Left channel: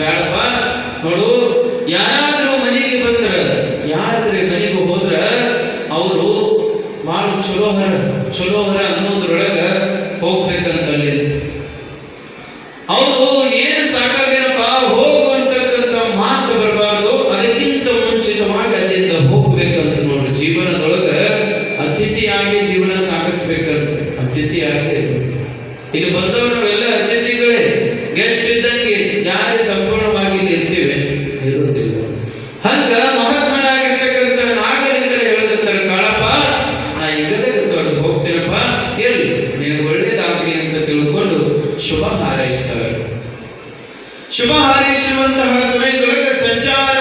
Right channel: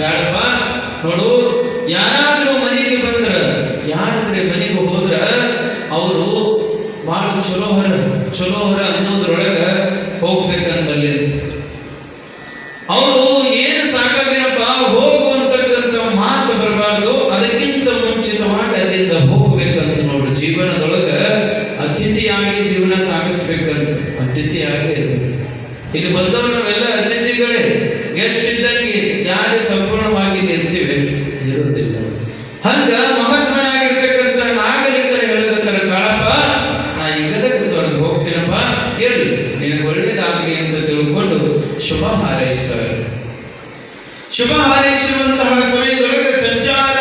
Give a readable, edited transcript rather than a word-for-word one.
ಬೇಡಪ್ಪ. ನೋಡು, ಯಾರಾದ್ರೂ ಮನೆಗೆ ಬಂದ್ರ, ಯಾರಾದ್ರೆ ಮನೆಗೆ ಹೋದ್ರ ಅವರು ಬಹಳ ಚಲೋ ಹರ ಅನ್ನೋದ್ರೊಳಗ ಹೋಗ್ಬೇಕಂತಲ್ಲಿ. ಅವರು ಏನು ಸಾಕಾಗೇನಪ್ಪ ಹೋಗುವಂತಕ್ಕಂಥ ಮಾತು ಬರಬಾರ್ದು, ಅದಕ್ಕಿಂತ ಮುಂಚಿತವಾಗಿ ಅಲ್ಲಿಂದ ಹೋಗ್ಬೇಕಂತ. ನೋಡ್ರಿ, ಜೀವನದೊಳಗ ಅತಿಥಿಯಾಗಿ ಜೀವನ ಸಾಗಿಸ್ಬೇಕಂತ. ಅತಿಥಿಯಾಗಿ ಇಲ್ಲಿ ಬಂದವರು ನಾವೆಲ್ಲ ಅತಿಥಿಗಳೇ, ಗೆಸ್ಟ್ ಇದ್ದಂಗೆ. ಯಾರೇ ಸಂಪೂರ್ಣವಾಗಿ ಇಲ್ಲಿ ಇರ್ತೀವಿ ಇರುವುದಿಲ್ಲ. ಹಂಗ ಮಹಾತ್ಮನಾಗಿರ್ತಕ್ಕಂಥ ನಾಗಲಿಂಗರ ಹೇಳಕತ್ತಾರ, ಕಾಳಪ್ಪ ನಾ ಈಗದಾಗ ಹೋಗ್ತೀನಪ್ಪ, ಹೇಳಿ ನಿನಗೆ ಒಳ್ಳೇದಾಗಲಿ ಅಂತ ತಿಳ್ಕೊಂಡು ಶುಭ ಹಾರೈಸ್ತಾರೆ. ಶುಭ ಹಾರೈಸುವಂತಹ ಸಮಯದೊಳಗೆ ಸಂಚಾರ